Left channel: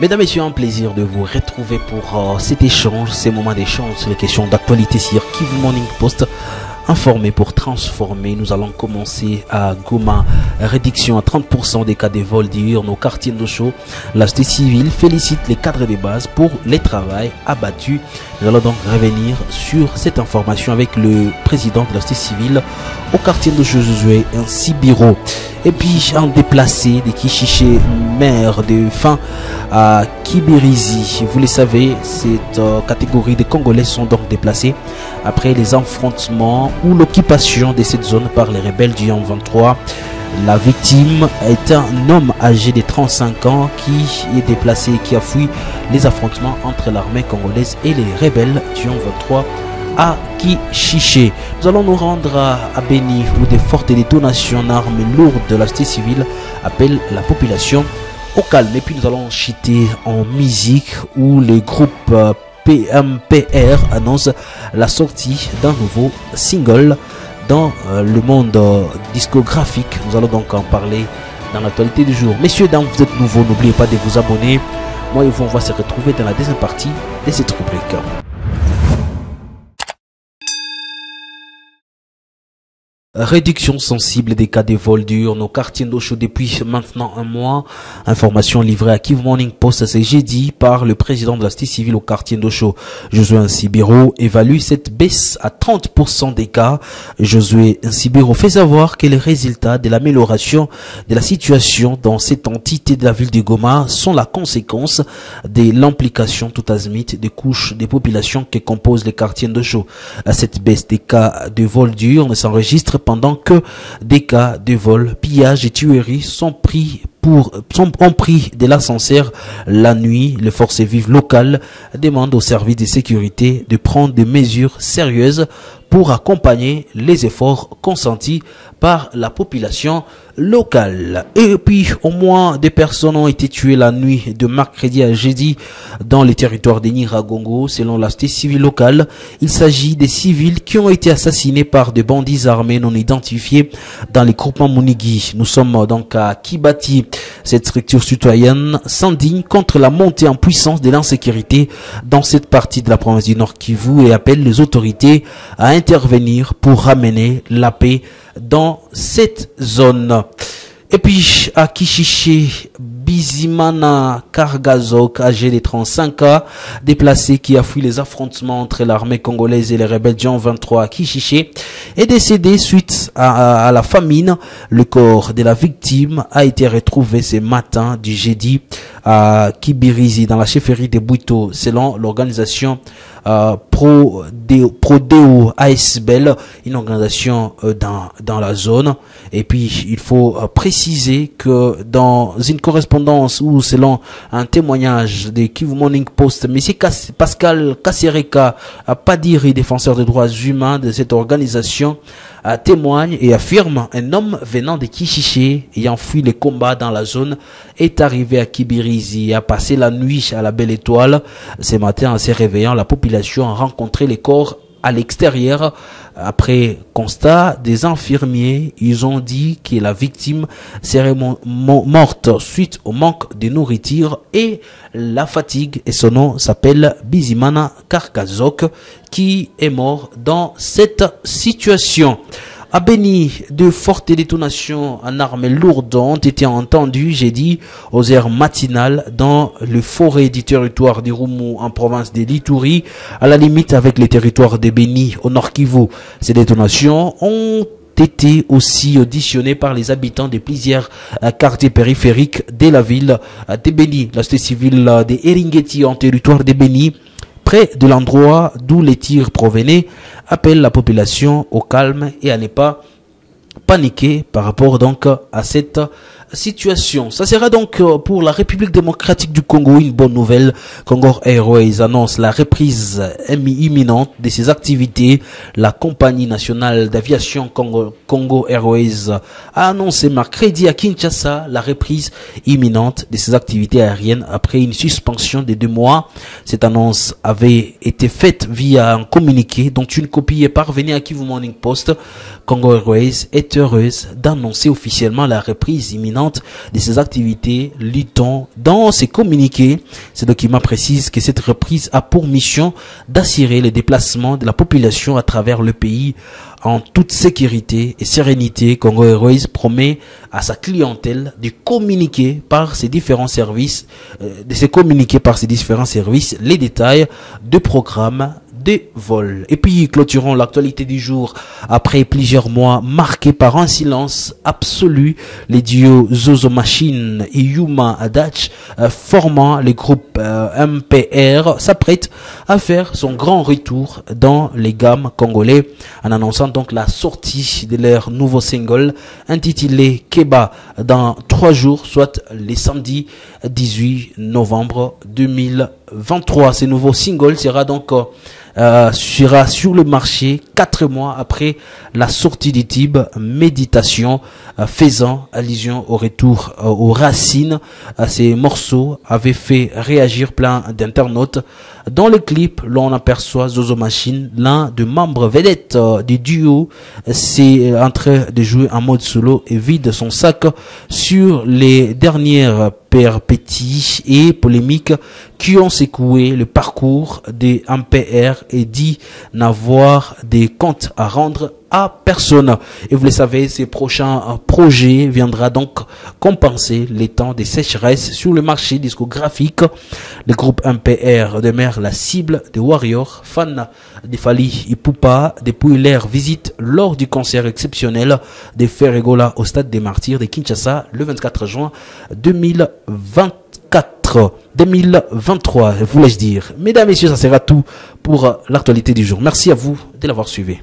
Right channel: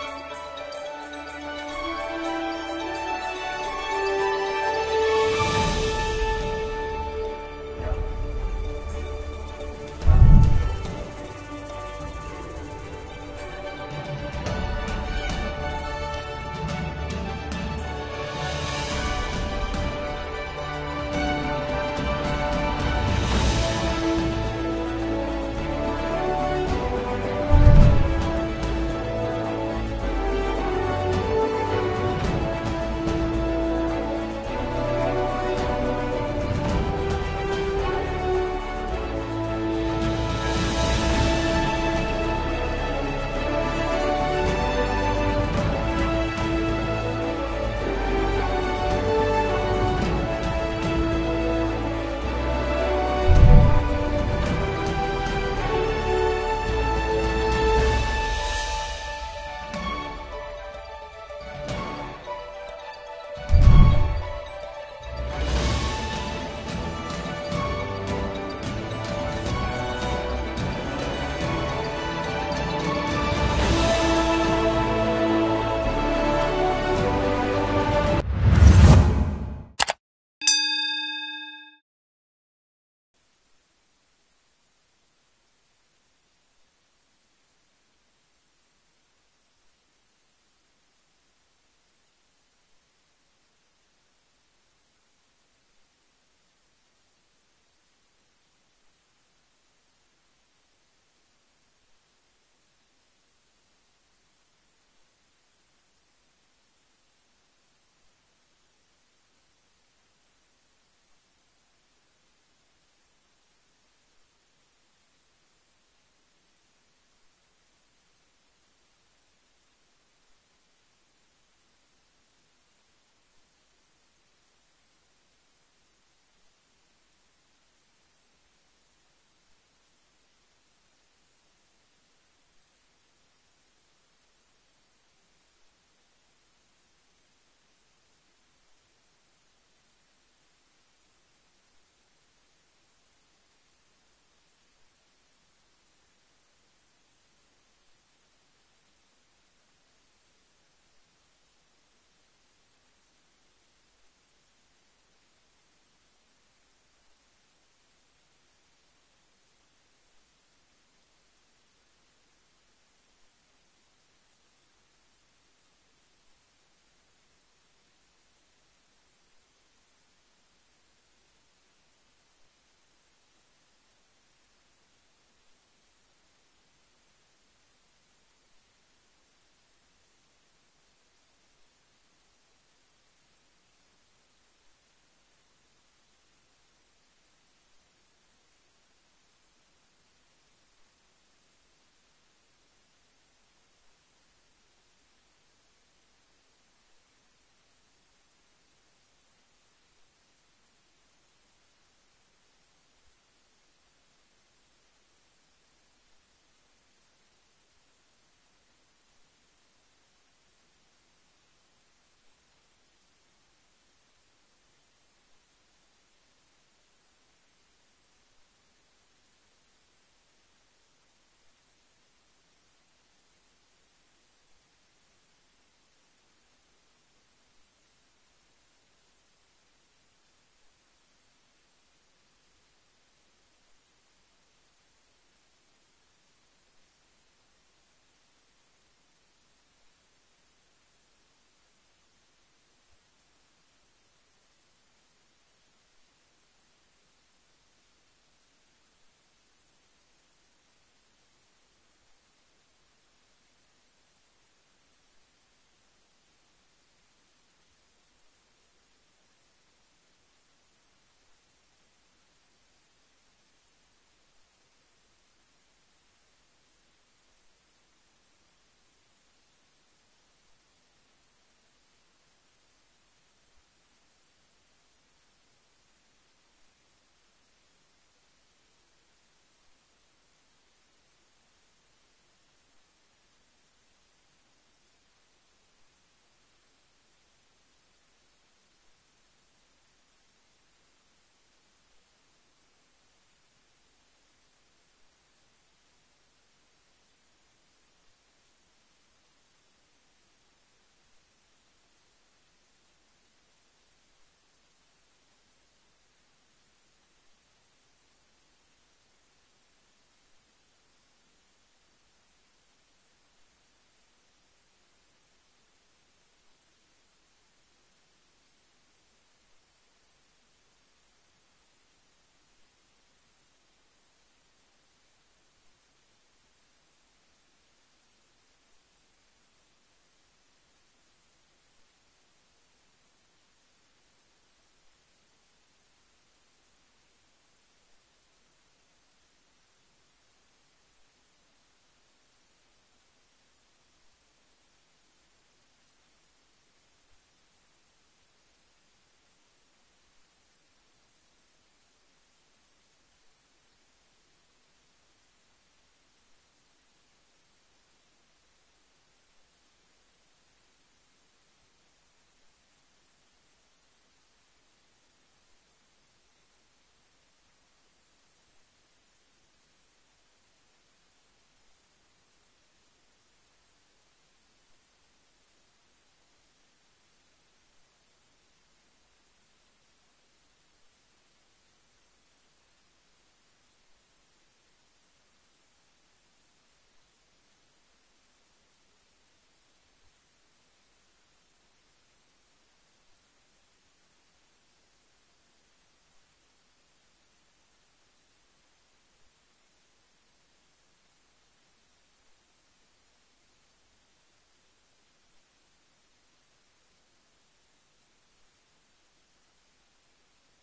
Mesdames et messieurs, un plaisir de vous retrouver pour cet échange, ces moments d'échange, les questions d'actualité sur Kivu Morning Post. Informer pour transformer. Nous allons commencer à Goma. Réduction à 30% des cas de vol diurnes au quartier d'Ocho. La société civile félicite les cadres de base pour les travaux abattus. Nous allons donc revenir sur cette information avec le président de la société civile au quartier d'Ocho, Josué Nsibiro. Et puis en déplacé des Kishiché, maire de fin à Kibirizi. Vous le savez, cette catégorie de Congolais sont donc déplacés après les affrontements ou l'occupation de cette zone par les rebelles du M23. La victime est un homme âgé de 35 ans qui est déplacé et qui a fui les affrontements entre l'armée congolaise et les rebelles du M23 à Kishiché. Nous allons nous rendre à Beni où des fortes détonations en armes lourdes de la société civile appellent la population au calme. Et puis nous allons chuter en musique où le groupe PMPR annonce la sortie d'un nouveau single dans le monde discographique. Nous allons donc en parler dans l'actualité du jour. Messieurs, dames, vous êtes nouveaux, n'oubliez pas de vous abonner. Moi et vous, on va se retrouver dans la deuxième partie de cette rubrique. Réduction sensible des cas de vol diurnes au quartier d'Ocho depuis maintenant un mois. Information livrée à Kivu Morning Post ce jeudi par le président de la société civile au quartier d'Ocho. Josué Nsibiro évalue cette baisse à 30% des cas. Josué Nsibiro fait savoir que les résultats de l'amélioration de la situation dans cette entité de la ville de Goma sont la conséquence de l'implication tout azimut des couches des populations qui composent les quartiers d'Ocho. Cette baisse des cas de vol diurnes s'enregistre pendant que des cas de vol, pillage et tueries ont pris de l'ascenseur la nuit. Les forces vives locales demandent aux services de sécurité de prendre des mesures sérieuses pour accompagner les efforts consentis par la population locale. Et puis, au moins 2 personnes ont été tuées la nuit de mercredi à jeudi dans les territoires de Nyiragongo, selon la société civile locale. Il s'agit des civils qui ont été assassinés par des bandits armés non identifiés dans les groupements Munigi. Nous sommes donc à Kibati. Cette structure citoyenne s'indigne contre la montée en puissance de l'insécurité dans cette partie de la province du Nord Kivu et appelle les autorités à intervenir pour ramener la paix dans cette zone. Et puis à Kishiché, Bizimana Kargazok, âgé de 35 ans, déplacé qui a fui les affrontements entre l'armée congolaise et les rebelles du M23 à Kishiché, est décédé suite à la famine. Le corps de la victime a été retrouvé ce matin du jeudi à Kibirizi dans la chefferie de Bouito, selon l'organisation Prodeo ASBL, une organisation dans la zone. Et puis il faut préciser que dans une correspondance ou selon un témoignage de Kivu Morning Post, M. Pascal Kassereka, Padiri, défenseur des droits humains de cette organisation, témoigne et affirme un homme venant de Kishiché ayant fui les combats dans la zone est arrivé à Kibirizi et a passé la nuit à la Belle Étoile. Ce matin, en se réveillant, la population a rencontré les corps à l'extérieur. Après constat des infirmiers, ils ont dit que la victime serait morte suite au manque de nourriture et la fatigue, et son nom s'appelle Bizimana Karkazok, qui est mort dans cette situation. À Beni, de fortes détonations en armes lourdes ont été entendues jeudi aux heures matinales dans le forêt du territoire d'Irumu en province de l'Ituri, à la limite avec les territoires de Beni au Nord Kivu. Ces détonations ont été aussi auditionnées par les habitants de plusieurs quartiers périphériques de la ville de Beni. La société civile de Eringeti en territoire de Beni, près de l'endroit d'où les tirs provenaient, appelle la population au calme et à ne pas paniquer par rapport donc à cette situation. Ça sera donc pour la République démocratique du Congo une bonne nouvelle. Congo Airways annonce la reprise imminente de ses activités. La compagnie nationale d'aviation Congo Airways a annoncé mercredi à Kinshasa la reprise imminente de ses activités aériennes après une suspension de 2 mois. Cette annonce avait été faite via un communiqué dont une copie est parvenue à Kivu Morning Post. Congo Airways est heureuse d'annoncer officiellement la reprise imminente permanente de ses activités, lit-on dans ses communiqués. Ce document précise que cette reprise a pour mission d'assurer les déplacements de la population à travers le pays en toute sécurité et sérénité. Congo Airways promet à sa clientèle de communiquer par ses différents services, les détails de programmes des vols. Et puis clôturons l'actualité du jour après plusieurs mois marqués par un silence absolu. Les duos Zozo Machine et Yuma Adach formant le groupe MPR s'apprêtent à faire son grand retour dans les gammes congolais en annonçant donc la sortie de leur nouveau single intitulé Keba dans 3 jours, soit les samedis 18 novembre 2023. Ce nouveau single sera donc sera sur le marché 4 mois après la sortie du tube Méditation, faisant allusion au retour aux racines. Ces morceaux avaient fait réagir plein d'internautes. Dans le clip, l'on aperçoit Zozo Machine, l'un des membres vedettes du duo, c'est en train de jouer en mode solo et vide son sac sur les dernières péripéties et polémiques qui ont secoué le parcours des MPR et dit n'avoir des comptes à rendre à personne. Et vous le savez, ces prochains projets viendra donc compenser les temps de sécheresse sur le marché discographique. Le groupe MPR demeure la cible des Warriors, fans de Fally Ipupa depuis leur visite lors du concert exceptionnel de Ferregola au Stade des Martyrs de Kinshasa le 24 juin 2023, voulais-je dire. Mesdames, Messieurs, ça sera tout pour l'actualité du jour. Merci à vous de l'avoir suivi.